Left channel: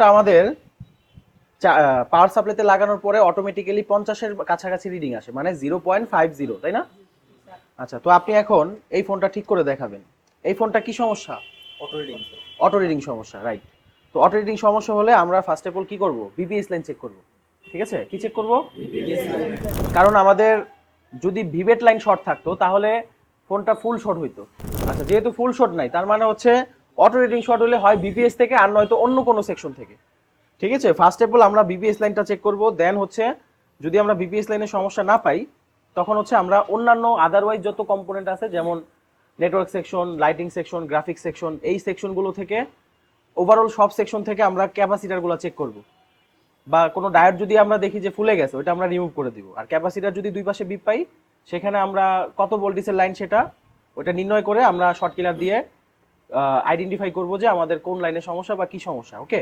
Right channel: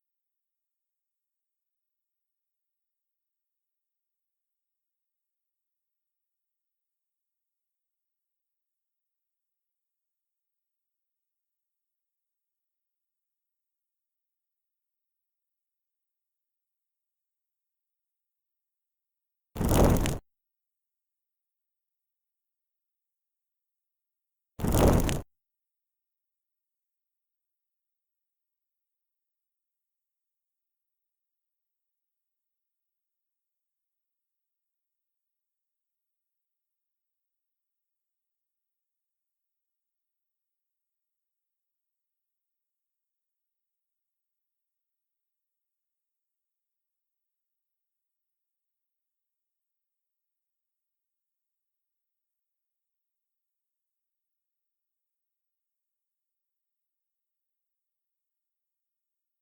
ফোনটা আমাদের পাওয়ার সাপ্লাইতে লাগানোর পরে অটোমেটিক্যালি 50-এর কাছাকাছি রিডিং আসে, মানে 0.50, তাই না? আচ্ছা, তো আপনি এখন এই ফোনটা ঠিক করে দেখাবেন। এই ফোনটা কি সমস্যা? Auto reading. অটো রিডিং সমস্যা, রাইট। তো অটো রিডিং সমস্যা হলে আমরা ফার্স্ট অফ অল কি করব? বিপিএস লাইন চেক করব। ঠিক আছে, কি চেক করব? কারণ আমাদের যদি ভিভেট লাইন শর্ট থাকতো তাহলে ফোনটা ফুল শর্ট হইতো। আচ্ছা, যেহেতু ফুল শর্ট নাই, তার মানে হচ্ছে অটো রিডিং শর্ট হলে হয় বিপিএস থেকে, আর নয়তো অন্য কোনো সেকশন থেকে। ঠিক আছে, ফার্স্ট অফ অল আমরা বিপিএস লাইনটা চেক করব, দেন হচ্ছে যদি আমরা বিপিএস লাইনের সমস্যা না পাই তখন হচ্ছে আমরা অন্যান্য আদারওয়াইজ যত কম্পোনেন্ট আছে, যেমন network section, lighting section, graphics section, এই সেকশনগুলো থেকে ওভারঅল সব সেকশন থেকে আমরা ক্যাপাসিটারগুলো চেক করব। বা কোনো ডায়োড যদি আমরা দেখি যে ফুলে গেছে, ওটা আমরা রিমুভ করে দিব। আর ক্যাপাসিটার যদি দুই পাশে বিপ পাই, সেখানে আমরা কত ভোল্টেজের লাইন সেটা ওটা নির্ণয় করে আমরা শর্ট কিলার দিয়ে আইডেন্টিফাই করব যে আমাদের কোন লাইনের সমস্যা বা কি সমস্যা। ওকে।